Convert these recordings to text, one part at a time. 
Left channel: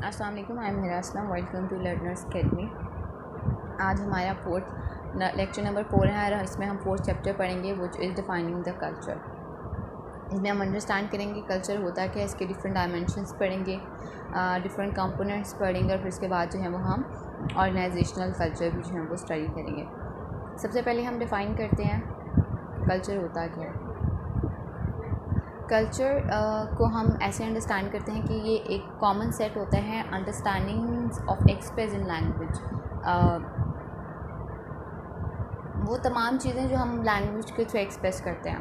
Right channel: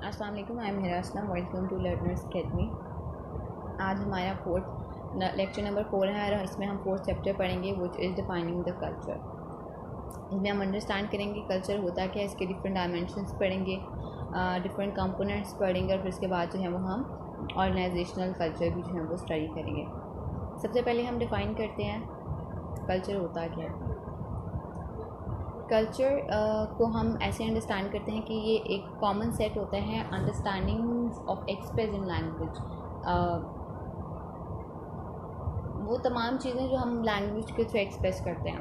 अस्सलाम वालेकुम, I am Hira Aslam. Welcome to learners academy. आज हमारा लेक्चर नंबर 4 है और इसमें हम 4th चैप्टर पढ़ेंगे which is defining the culture. इसमें हम अंडरस्टैंड करेंगे कल्चर होता क्या है, इसके डिफरेंट डायमेंशंस पढ़ेंगे, डिफरेंट कंपोनेंट्स पढ़ेंगे और फिर इसके बाद जो है वो हम ऑर्गेनाइजेशनल कल्चर भी जो है वो स्टडी करेंगे। सबसे पहले हम डिफ़ाइन करते हैं कल्चर होता क्या है। कल्चर को हम ऐसे अंडरस्टैंड करते हैं कि ये एक कॉमन सेट होता है understandings of express in language. वो तमाम चीज़ें जो हम लैंग्वेज के थ्रू एक्सप्रेस करते हैं,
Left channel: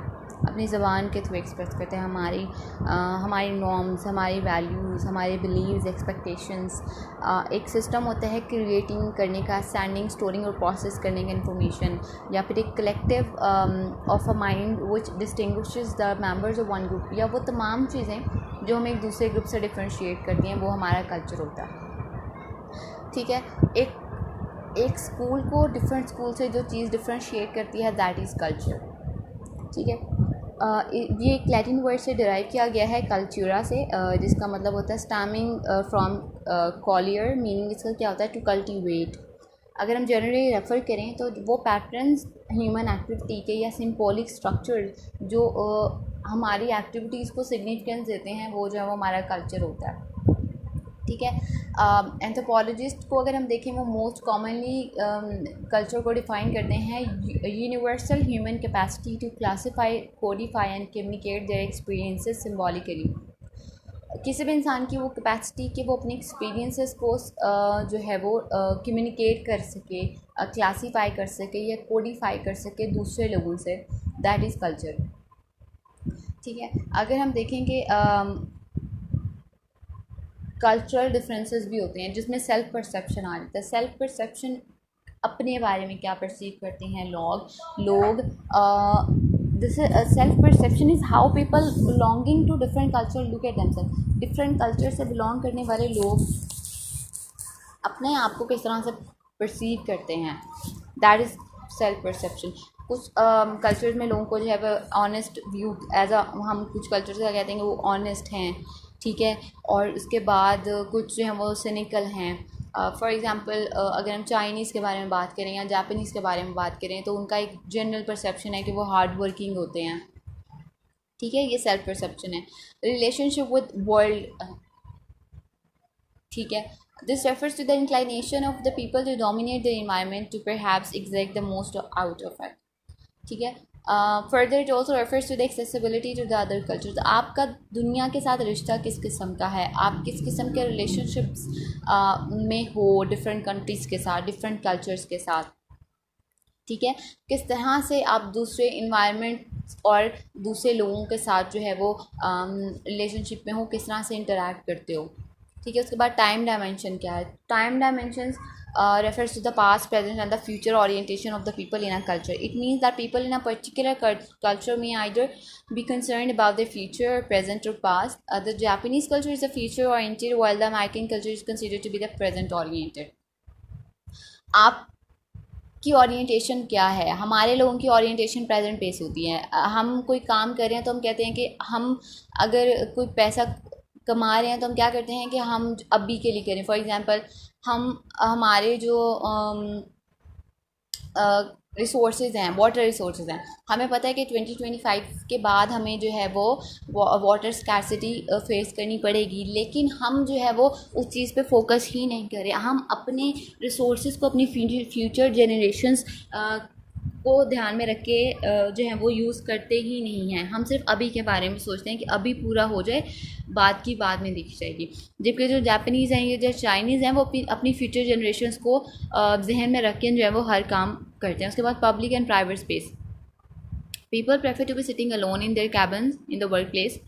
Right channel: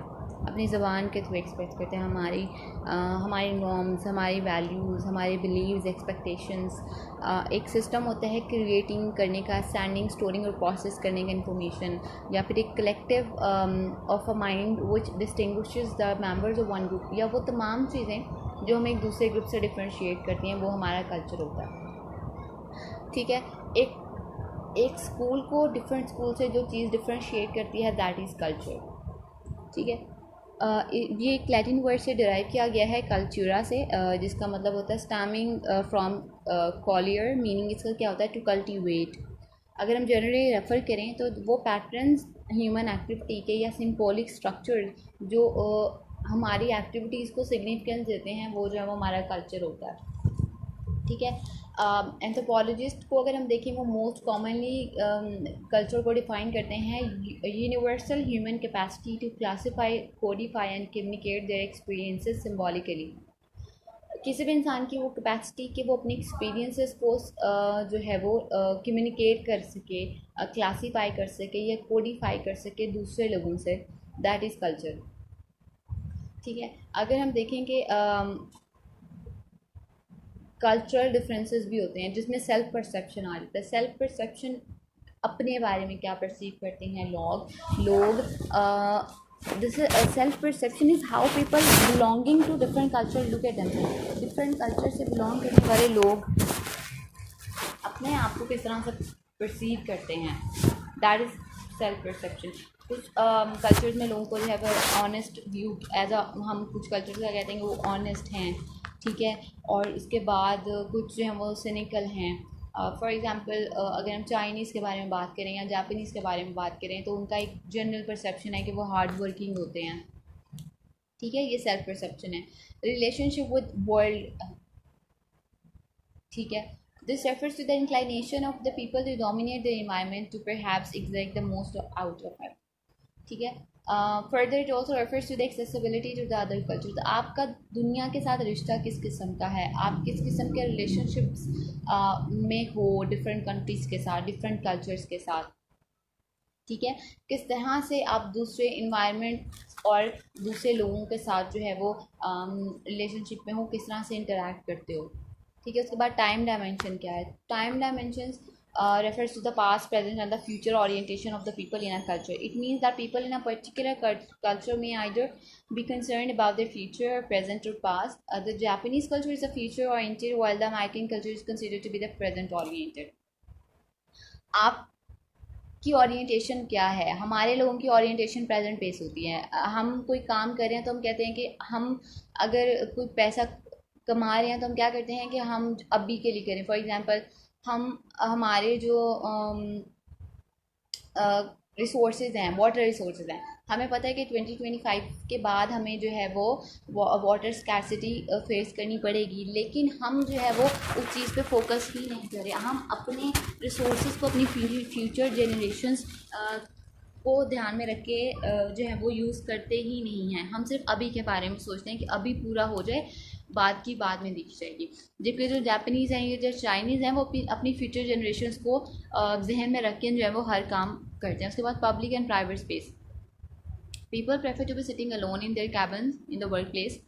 अपनी ज़बान के थ्रू एक्सप्रेस करते हैं, हमारी नॉर्म्स, हमारी वैल्यूज़, हमारे बिलीव्स, एक्सपेक्टेशंस। एक सिस्टम होता है क्रिएटिंग करने का, स्टैंडिंग, स्टोरिंग और प्रोसेस करने का इन्फॉर्मेशन, या फिर एक collective of a mind which distinguishes the members of one group, या वो तमाम चीज़ें जो हम एक दूसरे ग्रुप से डिफ्रेंशिएट करती हैं, वो हमारा कल्चर होता है। ठीक है, एक स्कूल को डिफरेंट स्कूल से जो चीज़ डिफ्रेंशिएट करती है दैट इज़ कल्चर। ठीक है, ये एक लैटिन वर्ड से डिराइव किया गया है कल्चूरा से, जिसका मतलब होता है स्टैमिंग फ्रॉम कॉलियर, मीनिंग इसका क्या होता है टू कल्टीवेट। अगर हम जनरली रेफ़र करें तो वो पैटर्न्स ह्यूमन एक्टिविटी के या सिंबॉलिक स्ट्रक्चर जो हमारी एक्टिविटीज़ को सिग्निफिकेंस देते हैं, वो जो है वो हमारा कल्चर होता है। ठीक है, एंथ्रोपोलॉजिस्ट को अगर हम देखें वो मोस्ट कॉमनली कल्चर को डिफ़ाइन करते हैं universal human capacity to classify, codify and communicate their experiences symbolically. किसी भी इंसान की वो कैपेसिटी कि वो अपनी एक्सपीरियंसेस को जो है वो कम्युनिकेट कर सके, क्लासीफाई कर सके या कोडिफाई कर सके दूसरे लोगों से, दैट इज़ कल्चर। ठीक है, अगर हम देखेंगे कल्चरल डिफरेंसेस भी होते हैं जिसमें सेल्फ परसेप्शन आ जाता है। सेल्फ परसेप्शन अपने बारे में क्या परसीव करते हैं लोग this self perception is how people belonging to different culture look at themselves. Different culture से बिलोंग करने वाले लोग अपने आप को किस तरह से परसीव करते हैं, दैट इज़ सेल्फ परसेप्शन। कुछ कल्चर में लोगों को जो है वो ऑनेस्ट व्यू एज अ, हम कुछ कल्चर का कहते हैं कि वो ऑनेस्ट हैं, ठीक है, और उसके बाद कुछ जो हैं वो सिनिकल हैं। फॉर एग्ज़ाम्पल अगर हम चाइनीज़ के बारे में बात करें या जापानीज़ के बारे में बात करें तो उनका एक जनरल परसेप्शन है कि वो हार्ड वर्किंग होते हैं। ठीक है, ये सेल्फ परसेप्शन है। रिलेशनशिप विद वर्ल्ड, ठीक है, this refers to the inclination of the people to dominate the environment to perhaps exact the most out of it. ठीक है, further it also refers to the accessibility to the other cultures. आपका दुनिया के साथ रिश्ता किस किस्म का है, आप किस किस्म के रिलेशनशिप्स में हो डिफरेंट कंट्रीज़ के साथ, डिफरेंट कल्चर्स के साथ। ठीक है, किस तरह से आप दूसरे इन्वायरमेंट और दूसरे लोगों के साथ जो है वो रिलेशनशिप में हो, किस तरह से इंटरेक्ट करते हो। ठीक है, उसके बाद टाइम डायमेंशन क्या है। Time dimensions refers to the past, present and the future orientation of the people in a culture. It means that people in a particular culture may either be concerned about their future, present or past. The Japanese culture is the future oriented while the American culture is considered to be the present oriented. आप की orientation क्या है, हमारे लोगों की orientation present base होती है। हम कोई काम कर रहे हैं तो हम कहते हैं कि हम अगर कोई पैसा कमा रहे हैं तो हम क्या करते हैं कि हम अभी के लिए करें। फॉर एग्जांपल हम हमारे जो रिसोर्सेज हैं, वाटर रिसोर्सेज हैं, हमें पता है कि 2025 के बाद हमें जो है वो वाटर स्कैरसिटी फेस करनी पड़ेगी, लेकिन हम जो है वो उस चीज़ पे फोकस ही नहीं करें। हम अपने रिसोर्सेज को अपनी फ्यूचर जनरेशन्स को ध्यान में रख के जो है वो यूज़ करते ही नहीं हैं। हम सिर्फ अभी के बारे में सोचते हैं कि अभी पूरा हो जाए, बात की बाद में देखी जाएगी। जबकि जो जापानीज़ हैं या जो चाइनीज़ हैं वो अपनी फ्यूचर जनरेशन्स को जहन में रख के जो है वो हर काम करते हैं। उसके बाद public and private space, people prefer to be sitting alone in their cabins in the work place.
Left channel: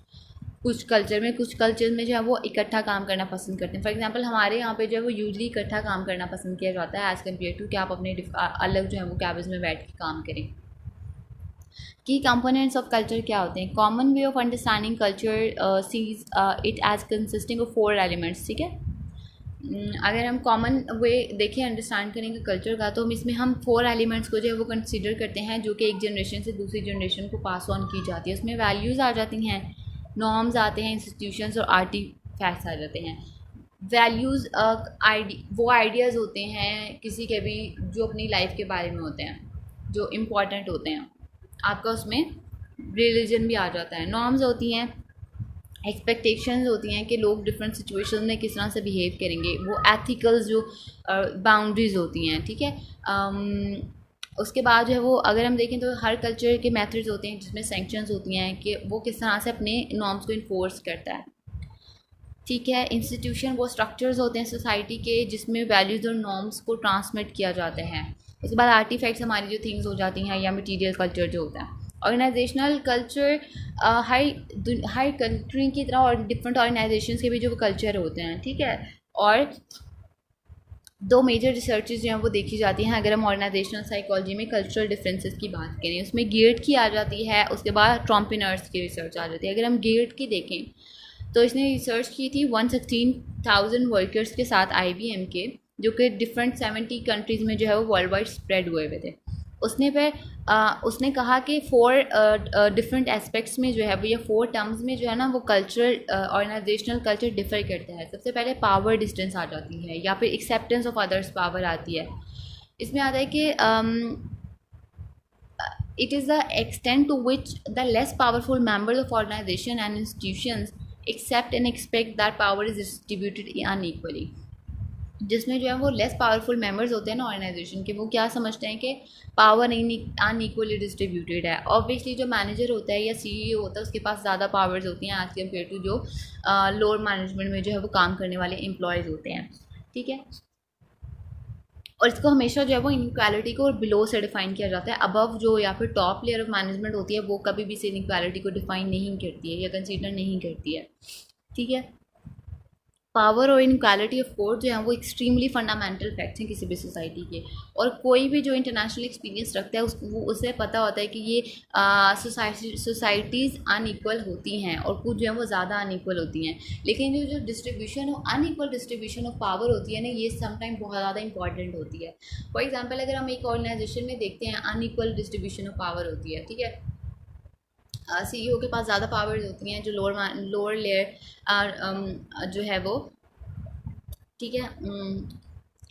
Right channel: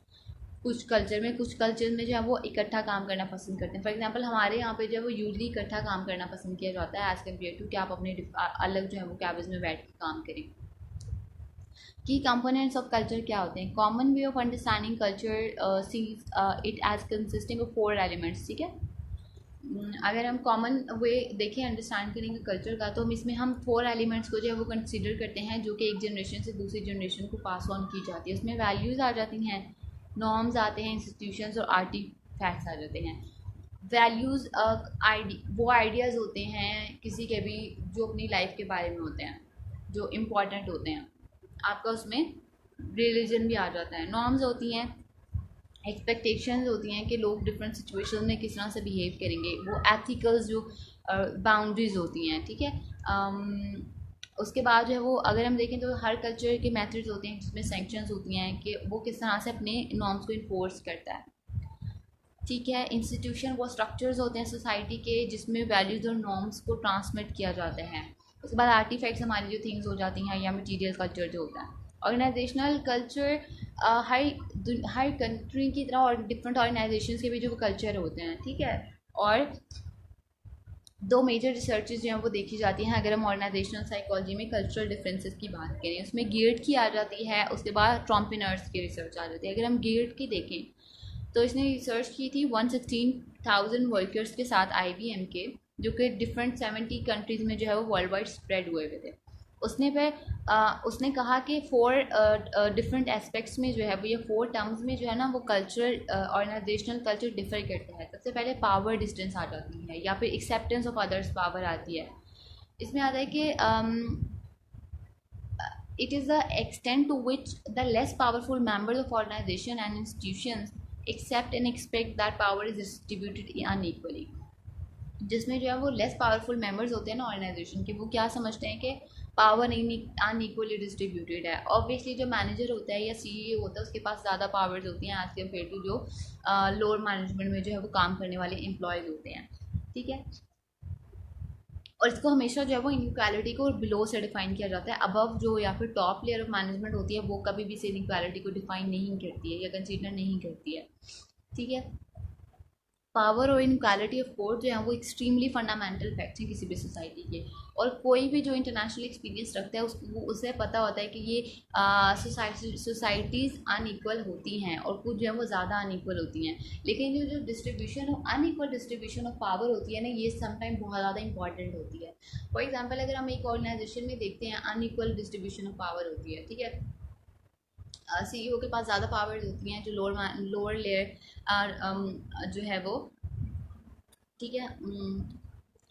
कुछ कल्चर में जो है वो इकट्ठा काम करना पसंद करते हैं। फॉर एग्जांपल हमारे यहाँ पे जो है वो यूजली इकट्ठा काम करना पसंद किया जाता है एज़ कम्पेयर टू कि आप अपने अलग जो है वो कैबिन्स में बैठ के काम करें। की कंपोनेंट्स ऑफ कल्चर क्या होते हैं। Common way of understanding culture sees it as consisting of 4 elements. ठीक है, अगर हम कॉमन वे देखें अंडरस्टैंड करेंगे कल्चर का तो इसमें हम 4 एलिमेंट्स को जो है वो कंसिडर करते हैं जो कि एक जनरेशन से दूसरी जनरेशन को पास ऑन की जाती है। उसमें वैल्यूज़ आ जाती हैं, नॉर्म्स आते हैं, इंस्टीट्यूशंस और आर्टिफैक्ट्स आ जाते हैं। वैल्यूज़ वो आइडियाज़ होते हैं किसी के भी जो अपनी लाइफ के बारे में होते हैं, जो इम्पोर्टेंट होते हैं। आपका उसमें रिलीजन भी आ जाता है। नॉर्म्स होती हैं, एक्सपेक्टेशंस होती हैं कि लोग डिफरेंट सिचुएशन में किस तरह से बिहेव करेंगे, वो एथिकल्स जो बाउंड्रीज होती हैं, ठीक है। उसके बाद जो है वो अगर हम देखें तो हर कल्चर के मेथड्स होते हैं जिसमें सेंक्शंस होती हैं कि वो किस तरह से अपने नॉर्म्स को इन्फोर्स करता है, ठीक है। इंस्टीट्यूशन वो स्ट्रक्चर्स होते हैं सोसाइटी के जिसमें वैल्यूज़ और नॉर्म्स को ट्रांसमिट किया जाता है। उसके बाद आर्टिफैक्ट्स हमारी जो थिंग्स हो जाती हैं या मटीरियल कल्चर जो होता है। ऑर्गेनाइजेशनल कल्चर हर कंट्री की तरह और डिफरेंट ऑर्गेनाइजेशंस के भी जो कल्चर होते हैं, ठीक है। और दो मेजर रिसर्चेज जो हैं वो देखी जाती हैं अगर हम ऑर्गेनाइजेशनल साइकोलॉजी में कल्चरल डिफरेंसेस की बात करें। उसमें गेट की आ जाती है, उसके बाद ट्रॉम्पिनर्स की रिसर्च आ जाती है। अगर हम गेट की देखें तो इसने रिसर्च की थी 116,000 वर्कर्स के साथ IBM के, जो कि डिफरेंट 70 कंट्रीज़ में जो है वो वर्ल्ड वाइड स्प्रेड हुए हुए थे। उसने कहा कि 4 डिफरेंट एस्पेक्ट्स में जो है वो, या 4 टर्म्स में जो है ना वो कल्चरल ऑर्गेनाइजेशनल कल्चर डिफर करता है। सबसे पहले पावर डिस्टेंस आ जाती है, या फिर एक्सेप्टेंस ऑफ अदर्स पावर आती है। इसमें आता है कि it is the extent to which the less powerful members of organization and institutions accept and expect that power is distributed unequally। जिसमें जो है वो लेस पावरफुल मेंबर्स होते हैं ना ऑर्गेनाइजेशन के, वो क्या समझते हैं कि पावर अनइक्वली डिस्ट्रीब्यूटेड है। ऑब्वियसली जो मैनेजर होता है या CEO होता है उसके पास ज़्यादा पावर्स होती हैं एज कम्पेयर टू जो लोअर मैनेजमेंट में जो है वो काम करने वाले एम्प्लॉयज़ होते हैं, ठीक है। और इसको हमेशा जो है वो इनक्वालिटी को बिलो से डिफाइन किया जाता है। अबव जो या फिर टॉप लेयर ऑफ मैनेजमेंट होती है वो कभी भी इस इनक्वालिटी को डिफाइन नहीं करती है या कंसीडर नहीं करती है, ठीक है। पावर और इनक्वालिटी ऑफ कोर्स जो है वो एक्सट्रीमली फंडामेंटल फैक्ट्स हैं किसी भी सोसाइटी के। और कोई भी जो इंटरनेशनल एक्सपीरियंस रखता है उसे पता होता है कि ये सोसाइटीज़ अनइक्वल होती हैं और कुछ जो है वो ज़्यादा अनइक्वल होती हैं। लेकिन जो distribution unequal distribution of power होती है ना, ये समटाइम बहुत ज़्यादा इंपॉर्टेंट होती है। फॉर एग्जाम्पल अगर हम एक ऑर्गेनाइजेशन में देखते हैं अनइक्वल डिस्ट्रीब्यूशन ऑफ पावर होती है, ठीक है। CEO के पास ज़्यादा पावर्स होती हैं, जो लोअर लेयर जो है वो, ठीक है,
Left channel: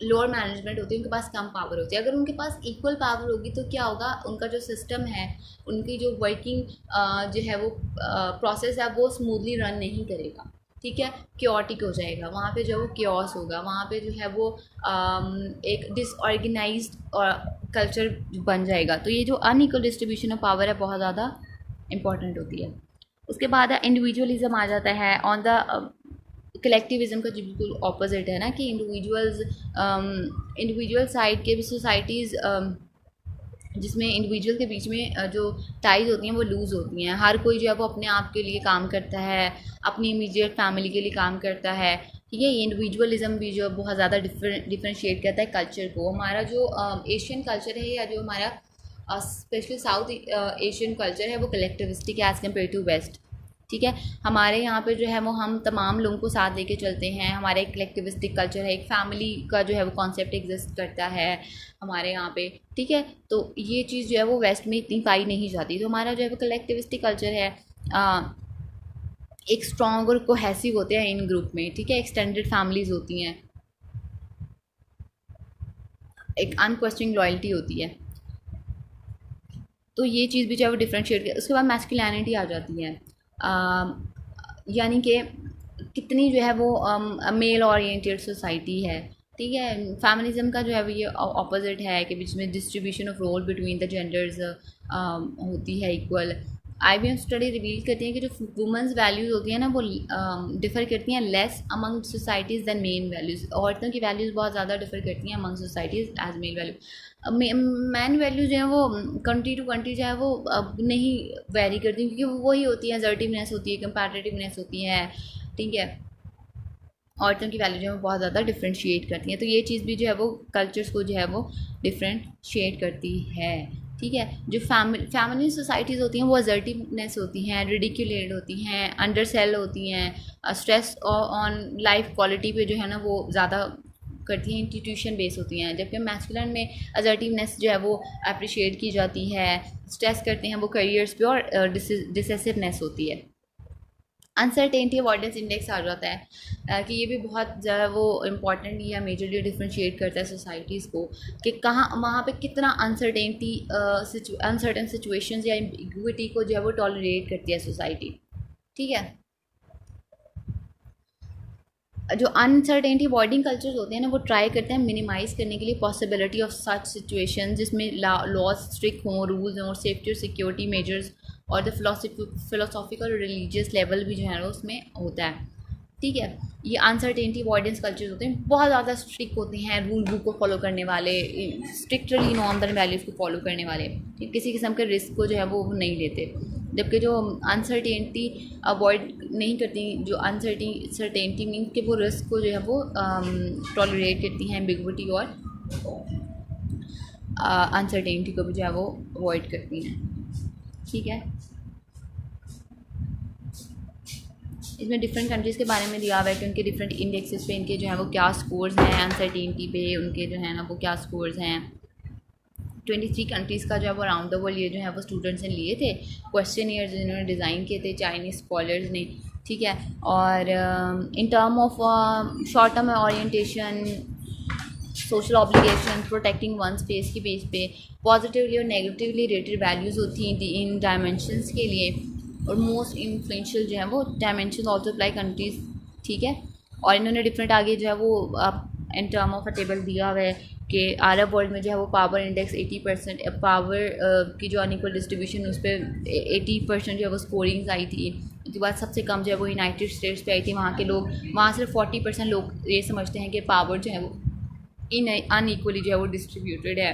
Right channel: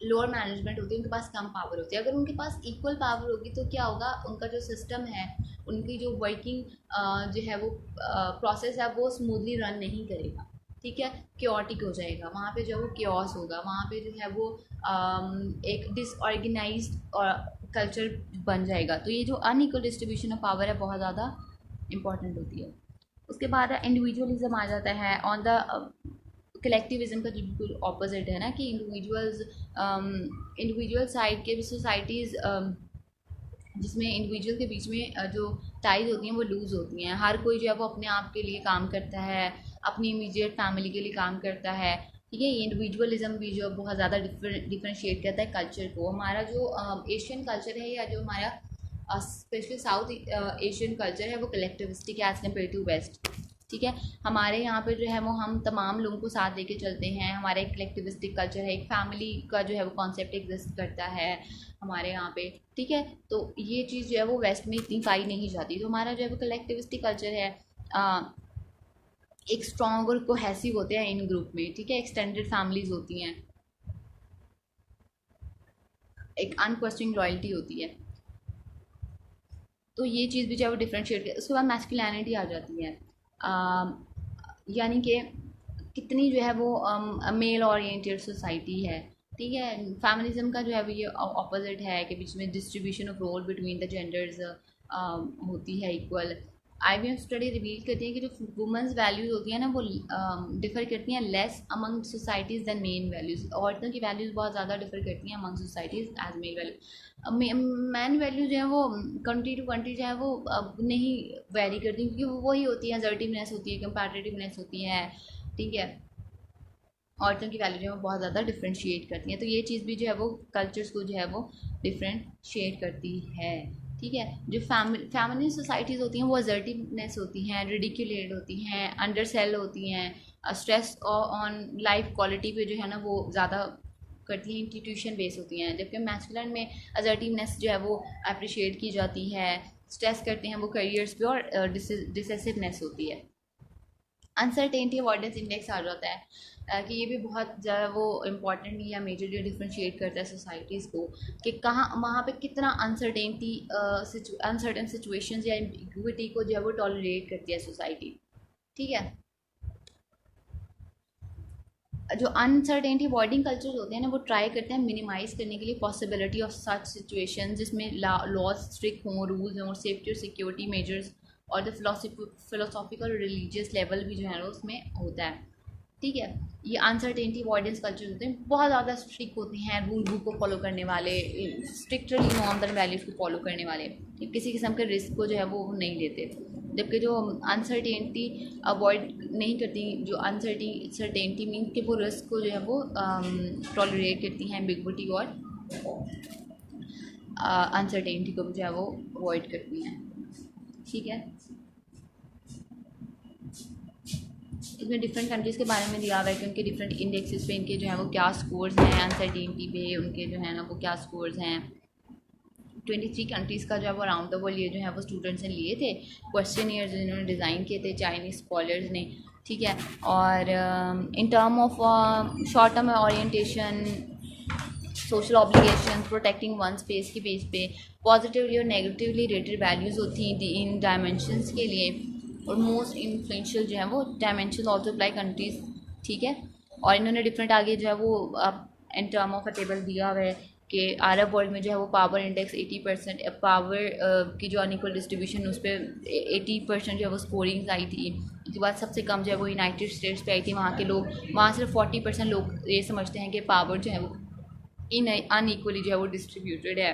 लोअर मैनेजमेंट होती है उनके पास कम पावर होती है। अगर उनके पास इक्वल पावर होगी तो क्या होगा, उनका जो सिस्टम है, उनकी जो वर्किंग जो है वो प्रोसेस है वो स्मूथली रन नहीं करेगा, ठीक है। क्योटिक हो जाएगा, वहाँ पे जो है वो क्योस होगा, वहाँ पे जो है वो एक डिसऑर्गेनाइज्ड कल्चर बन जाएगा। तो ये जो अनइक्वल डिस्ट्रीब्यूशन ऑफ पावर है बहुत ज़्यादा इम्पॉर्टेंट होती है। उसके बाद इंडिविजुअलिज्म आ जाता है ऑन द कलेक्टिविज्म का जो बिल्कुल ऑपोजिट है ना, कि इंडिविजुअल साइड के भी सोसाइटीज़ जिसमें इंडिविजुअल के बीच में जो टाइज होती हैं वो लूज़ होती हैं। हर कोई जो है वो अपने आप के लिए काम करता है, अपनी इमीडिएट फैमिली के लिए काम करता है, ठीक है। ये इंडिविजुअलिज्म भी जो बहुत ज़्यादा डिफ्रेंशिएट करता है कल्चर को। हमारा जो एशियन कल्चर है या जो हमारा स्पेशली साउथ एशियन कल्चर है वो कलेक्टिविस्टिक है एज़ कम्पेयर टू वेस्ट, ठीक है। हमारे यहाँ पे जो है वो हम तमाम लोगों को साथ लेके चलते हैं। हमारा एक कलेक्टिविस्टिक कल्चर है, एक फैमिली का जो है वो कॉन्सेप्ट एग्जिस्ट करता है हमारे यहाँ पे, ठीक है। तो ये चीज़ जो है वो वेस्ट में इतनी पाई नहीं जाती। तो हमारा जो है वो कलेक्टिविस्टिक कल्चर है, एक स्ट्रॉन्ग और कोहेसिव होते हैं इन ग्रुप में, ठीक है। एक्सटेंडेड फैमिलीज होती हैं, एक अनक्वेश्चनिंग लॉयल्टी होती है। तो ये चीज़ भी जो है वो डिफ्रेंशिएट कर। उसके बाद मैस्कुलिनिटी आ जाती है, यानी कि कितनी जो है वो मेल ओरिएंटेड सोसाइटी है, ठीक है। फेमिनिज्म का जो है वो ये ऑपोजिट है कि जिसमें distribution of role between the genders होती है इक्वल। IBM स्टडी रिवील करती है कि जो वुमेंस वैल्यूज़ होती हैं ना वो डिफ़र करती हैं less among societies than men values. औरतों की वैल्यूज़ बहुत ज़्यादा डिफ़र करती हैं among societies as male value. Man value जो है वो कंट्री टू कंट्री जो है वो नहीं वेरी करती, क्योंकि वो वही होती है, असर्टिवनेस होती है, कंपैटिटिवनेस होती है, ठीक है। औरतों की वैल्यू जो है वो बहुत ज़्यादा डिफ्रेंशिएट करती हैं। तो ये चीज़ भी जो है वो कल्चर्स को जो है वो डिफ्रेंशिएट करती है, ठीक है। जो फैमिली सोसाइटीज़ होती हैं वो असर्टिवनेस होती हैं, रिडिक्यूलेट होती हैं, अंडर सेल होती हैं, स्ट्रेस ऑन लाइफ क्वालिटी पे जो है ना वो ज़्यादा करती हैं, इंस्टीट्यूशन बेस होती हैं। जबकि मैस्कुलिन में असर्टिवनेस जो है वो अप्रिशिएट की जाती है, स्ट्रेस करते हैं वो करियर्स पे, और डिसेसिवनेस होती है। अनसर्टेनिटी अवॉइडेंस इंडेक्स आ जाता है कि ये भी बहुत ज़्यादा वो इम्पॉर्टेंट या मेजरली डिफ्रेंशिएट करता है सोसाइटीज़ को कि कहाँ वहाँ पे कितना अनसर्टेनिटी अनसर्टेन सिचुएशंस या एम्बिग्विटी को जो है वो टॉलरेट करती है सोसाइटी। ठीक है, जो अनसर्टेनिटी अवॉइडिंग कल्चर्स होते हैं ना वो ट्राई करते हैं मिनिमाइज़ करने के लिए पॉसिबिलिटी ऑफ सच सिचुएशन जिसमें लॉज स्ट्रिक्ट हों, रूल्स हों, सेफ्टी और सिक्योरिटी मेजर्स और द फिलोसॉफिकल और रिलीजियस लेवल भी जो है ना उसमें होता है। ठीक है, ये अनसर्टेनिटी अवॉइडेंस कल्चर्स होते हैं, बहुत ज़्यादा स्ट्रिक्ट होते हैं, रूल बुक को फॉलो करने वाले, स्ट्रिक्टली नॉर्म्स एंड वैल्यूज़ को फॉलो करने वाले, किसी किस्म के रिस्क को जो है वो नहीं लेते। जबकि जो अनसर्टेनिटी अवॉइड नहीं करती, जो अनसर्टेनिटी मीन कि वो रिस्क को जो है वो टॉलरेट करती हैं, एम्बिग्विटी और अनसर्टेनिटी को भी जो है वो अवॉइड करती हैं। ठीक है, इसमें डिफरेंट कंट्रीज़ के बारे में दिया हुआ है कि उनके डिफरेंट इंडेक्सेस पे इनके जो है वो क्या स्कोर्स हैं, अनसर्टेनिटी पे उनके जो है ना वो क्या स्कोर्स हैं। 23 कंट्रीज़ का जो है वो अराउंड द वर्ल्ड ये जो है वो स्टूडेंट्स ने लिए थे, क्वेश्चन ईयर्स जिन्होंने डिज़ाइन किए थे चाइनीज़ स्कॉलर्स ने। ठीक है, और in term of short term orientation, social obligation, protecting one space के बेस पे पॉजिटिवली और नेगेटिवली रेटेड वैल्यूज़ होती हैं इन डायमेंशंस के लिए, और मोस्ट इन्फ्लुएंशियल जो है वो डायमेंशन ऑल्सो अप्लाई कंट्रीज। ठीक है, और इन्होंने डिफरेंट आगे जो है वो in term of a table दिया हुआ है कि अरब वर्ल्ड में जो है वो पावर इंडेक्स 80%, पावर की जो अनइक्वल डिस्ट्रीब्यूशन उस पर 80% जो है वो स्कोरिंग्स आई थी। उसके बाद सबसे कम जो है वो यूनाइटेड स्टेट्स पे आई थी, वहाँ के लोग, वहाँ सिर्फ 40% लोग ये समझते हैं कि पावर जो है वो अनइक्वली जो है वो डिस्ट्रीब्यूटेड है।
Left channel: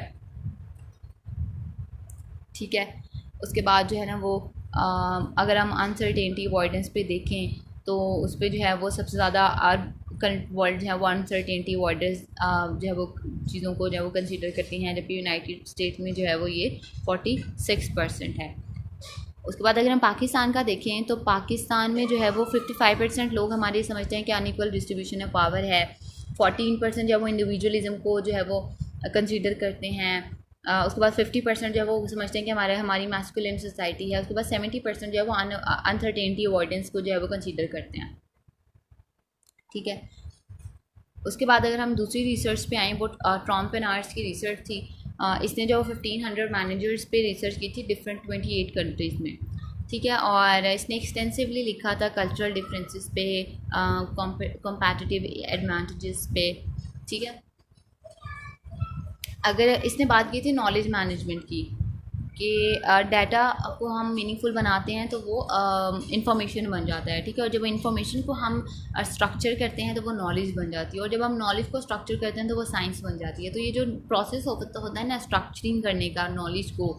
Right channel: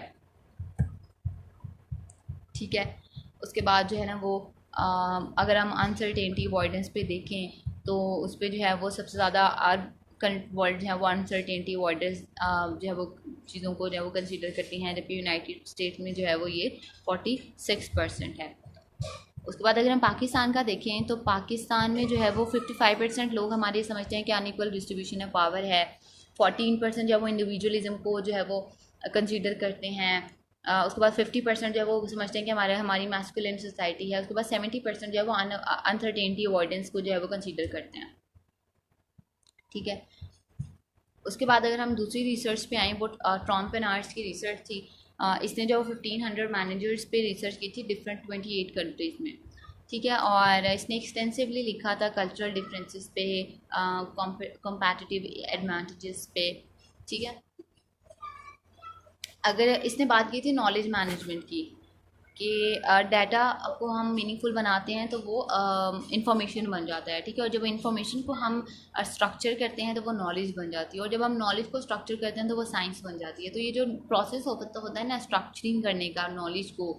ठीक है, उसके बाद जो है ना वो अगर हम अनसर्टेनिटी अवॉइडेंस पे देखें तो उस पर जो है वो सबसे ज़्यादा करंट वर्ल्ड जो है वो अनसर्टेनिटी अवॉइडेंस जो है वो चीज़ों को जो है वो कंसीडर करती हैं, जबकि यूनाइटेड स्टेट्स में जो है वो ये 46% है। उसके बाद अगर हम पाकिस्तान का देखें तो पाकिस्तान में जो है वो 55% लोग हमारे समझते हैं कि अनइक्वल डिस्ट्रीब्यूशन ऑफ पावर है, 14% जो है वो इंडिविजुअलिज्म को जो है वो कंसीडर करते हैं। उसके बाद 50% जो है वो समझते हैं कि हमारी मैस्कुलिन सोसाइटी है। उसके बाद 70% जो है वो अनसर्टेनिटी अवॉइडेंस को जो है वो कंसीडर करते हैं। ठीक है, उसके बाद अगर हम दूसरी रिसर्च पे आएँ, वो ट्रॉम्प एंड आर्ट्स की रिसर्च थी। इसने जो 1500 मैनेजर्स पे रिसर्च की थी डिफरेंट 28 कंट्रीज़ में। ठीक है, और इसने एक्सटेंसिवली लिखा था कल्चरल डिफरेंसेस पे, कॉम्पिटिटिव एडवांटेजेस पे। ठीक है, अगर इसने बात की थी नॉलेज मैनेजमेंट की कि डाटा को हम मीनिंगफुल बनाते हैं तो वो इंफॉर्मेशन बन जाता है। ठीक है, और जब इंफॉर्मेशन को हम स्ट्रक्चर करते हैं तो वो नॉलेज बन जाती है, और जब हम नॉलेज को स्ट्रक्चर करते हैं तो वो साइंस बन जाती है। तो ये जो प्रोसेस होता है ना स्ट्रक्चरिंग करने का, नॉलेज को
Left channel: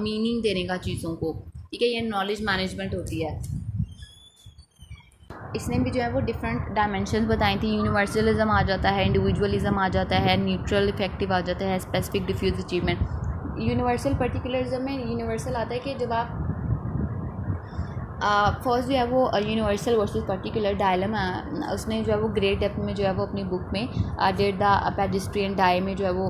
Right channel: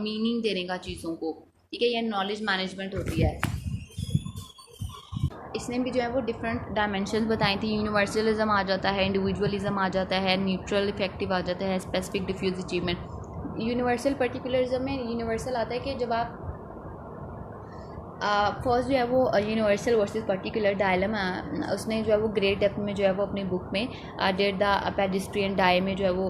मीनिंग देने का चीज़ों को, ठीक है, ये नॉलेज मैनेजमेंट होती है। इसने भी जो है वो डिफरेंट डायमेंशन बताई थी। यूनिवर्सलिज्म आ जाता है, इंडिविजुअलिज्म आ जाता है, न्यूट्रल इफेक्टिव आ जाता है, स्पेसिफिक डिफ्यूज अचीवमेंट। यूनिवर्सल पर्टिकुलरिज्म में यूनिवर्सल आता है कि जब आप फर्स्ट जो है वो यूनिवर्सल वर्सेस पर्टिकुलर डायलेमा, उसने जो है वो ग्रेट डेप्थ में जो है वो अपनी बुक में डेट द पेडिस्ट्रियन डाई में जो है वो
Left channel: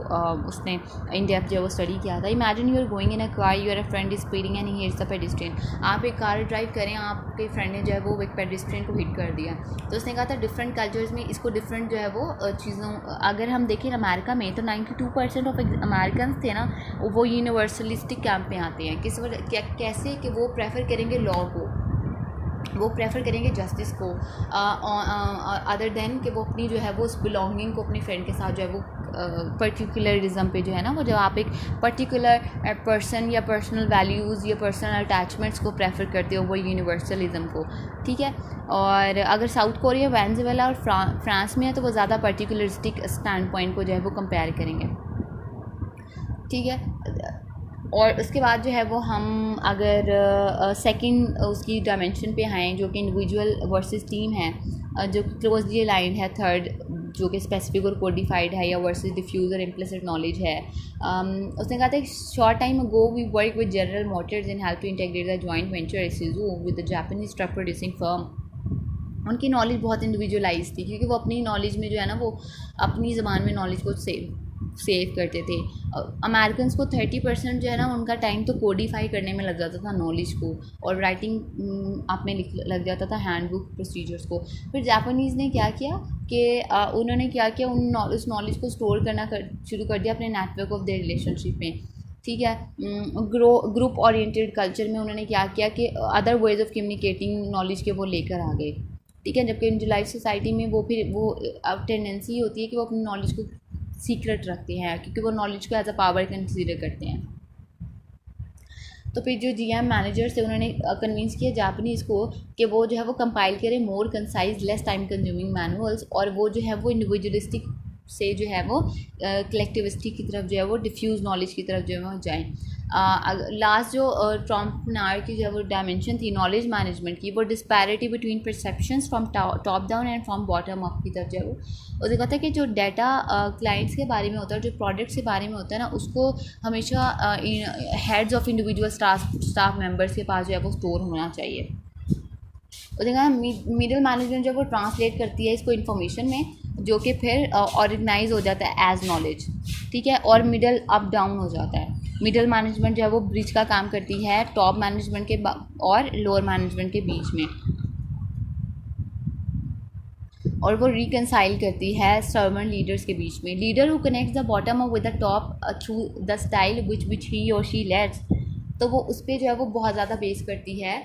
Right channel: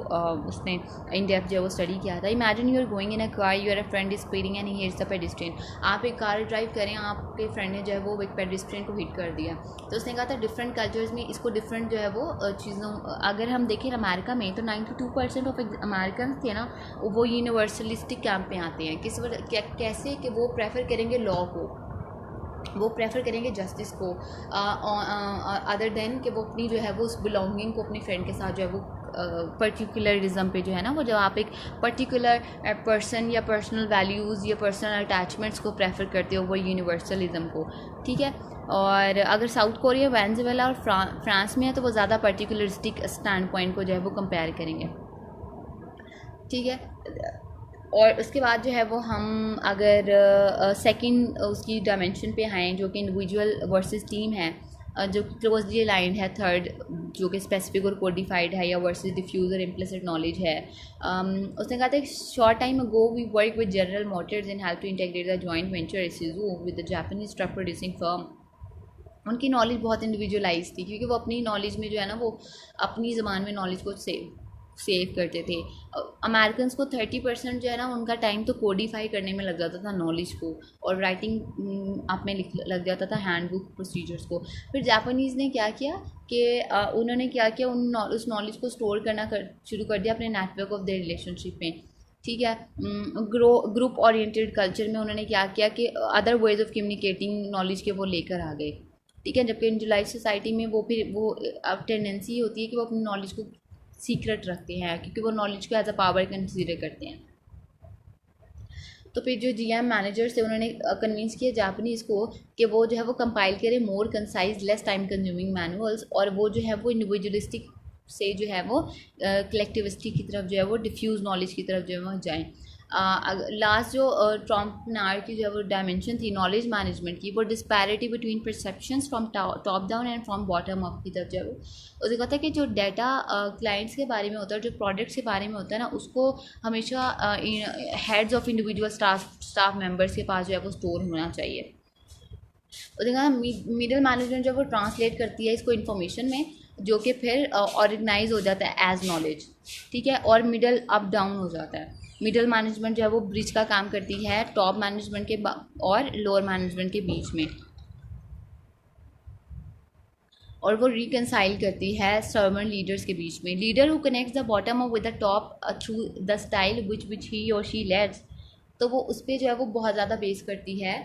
उसने इन डेप्थ जो है वो स्टडी किया था। Imagine you are going in a car, your a friend is speeding and he hits the pedestrian. आप एक कार ड्राइव करें, आपके फ्रेंड ने जो है वो एक पेडिस्ट्रियन को हिट कर दिया। तो उसने कहा था डिफरेंट कल्चर्स में इसको डिफरेंट जो है वो चीज़ों, अगर हम देखें अमेरिका में तो 92% ऑफ अमेरिकन थे ना वो यूनिवर्सलिस्टिक कैंप में आते हैं। कैसे कि वो प्रेफर करेंगे लॉ को, वो प्रेफर करेंगे जस्टिस को अदर देन कि वो अपनी जो है वो उस बिलोंगिंग को अपने फ्रेंड के साथ जो है वो पर्टिकुलरिज्म पे जो है ना वो जब आप एक पर्टिकुलर पर्सन या पर्सनल वैल्यूज़ या पर्सनल अटैचमेंट्स को प्रेफर करते हो वो यूनिवर्सलिज्म को। ठीक है, और अगर साउथ कोरिया, वेनेजुएला और फ्रांस में है तो वो ज़्यादा पर्टिकुलरिस्टिक स्टैंड पॉइंट को जो है वो कंपेयर करेंगे। ठीक है, और उसके बाद जो है वो हम अगर सेकंड उसकी डायमेंशन पे आएँ जो कि इंडिविजुअल वर्सेस टीम है, जो क्लोजली अलाइंड है, थर्ड जो कि स्पेसिफिक और कोडिफाइड है, या वर्सेस डिफ्यूज और इम्प्लिसिट नॉलेज है। उसने कहा था short time ago we work with General Motors in help to integrate the joint venture issue with the Japanese truck producing firm. उनकी नॉलेज बहुत इंडिविजुअलाइज थी क्योंकि वो अपनी नॉलेज में जो है ना वो अपनी ज़बान में नॉलेज को सेव करते थे। अमेरिकन्स को 30% जो है ना उनका टाइम तो कोडिफाई करने में लग जाता था नॉलेज को, और राइटिंग आप में लग जाता था हैंडबुक प्रोसीजर्स को। फिर जापानीज़ ने क्या किया कि उन्होंने क्या किया, उस नॉलेज को स्टोर करना शुरू कर दिया अपने नेटवर्क ऑफ देयर रिलेशनशिप में। ठीक है, ग्रुप ओरिएंटेड कल्चर में उन्होंने क्या किया कि other ways of communicating knowledge के वो लेकर आ गए। ठीक है, जबकि इंडिविजुअलाइज सोसाइटी में वो फिर वो अब टेंडेंसी होती है कि वो अपनी नॉलेज को सीक्रेट रखते हैं, क्योंकि वो नॉलेज को एज अ पावर कंसिडर करते हैं। तो फिर जो जीएम मैनेजर्स थे उन्होंने कन्विंस किया जापानीज़ को कि वो जो है वो कंपाइल करें more concise less time consuming manuals, और वो जो है वो इंडिविजुअलिस्टिक से जो है वो कलेक्टिविस्टिक की तरफ जो है वो डिफ्यूज़ नॉलेज की तरफ जो है वो जाएँ। लास्ट जो ट्रॉम्पनार की जो वो डायमेंशन थी नॉलेज मैनेजमेंट की, वो disparity between perceptions from top down and from bottom up की तरफ जो है वो उसे कहता है कि जो डाटा क्लाइंट्स के बारे में होता है, जो प्रोडक्ट्स के बारे में होता है ना, उसको हमेशा heads of individual staff members के पास जो है वो स्टोर होना चाहिए। तो देखा मिडिल मैनेजमेंट जो वो ट्रांसलेट करती है इसको इन्फॉर्मेशन में, जो कि फिर ऑर्गेनाइज हो जाता है एज नॉलेज। ठीक है, और मिडल अप डाउन हो जाता है। मिडिल मैनेजमेंट जो है वो ब्रिज का काम करती है टॉप मैनेजमेंट के और लोअर मैनेजमेंट के बीच में, और वो रिकनसाइल करती है सर्वेंट लीडर्स के बीच में। Leader who connects the bottom up with the top through the style which he और शी लेड्स, तो वो उस पर जो है वो बहुत ज़्यादा बेस करती है।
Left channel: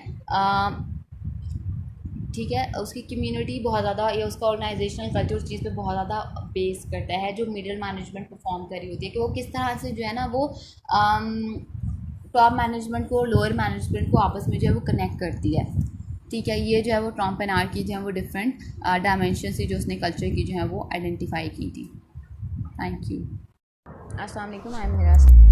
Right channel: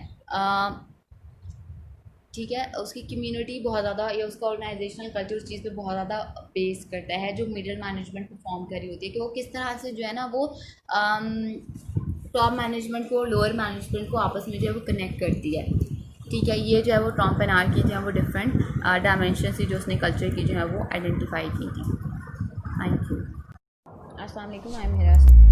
ठीक है, उसकी कम्युनिटी बहुत ज़्यादा या उसका ऑर्गेनाइजेशनल कल्चर उस चीज़ पे बहुत ज़्यादा बेस करता है जो मिडिल मैनेजमेंट परफॉर्म कर रही होती है, कि वो किस तरह से जो है ना वो टॉप मैनेजमेंट को और लोअर मैनेजमेंट को आपस में जो है वो कनेक्ट करती है। ठीक है, ये जो है वो ट्रॉम्पेनार की जो है वो डिफरेंट डायमेंशन से जो उसने कल्चर की जो है वो आइडेंटिफाई की थी। Thank you. अस्सलाम वालेकुम, आई एम हिरास।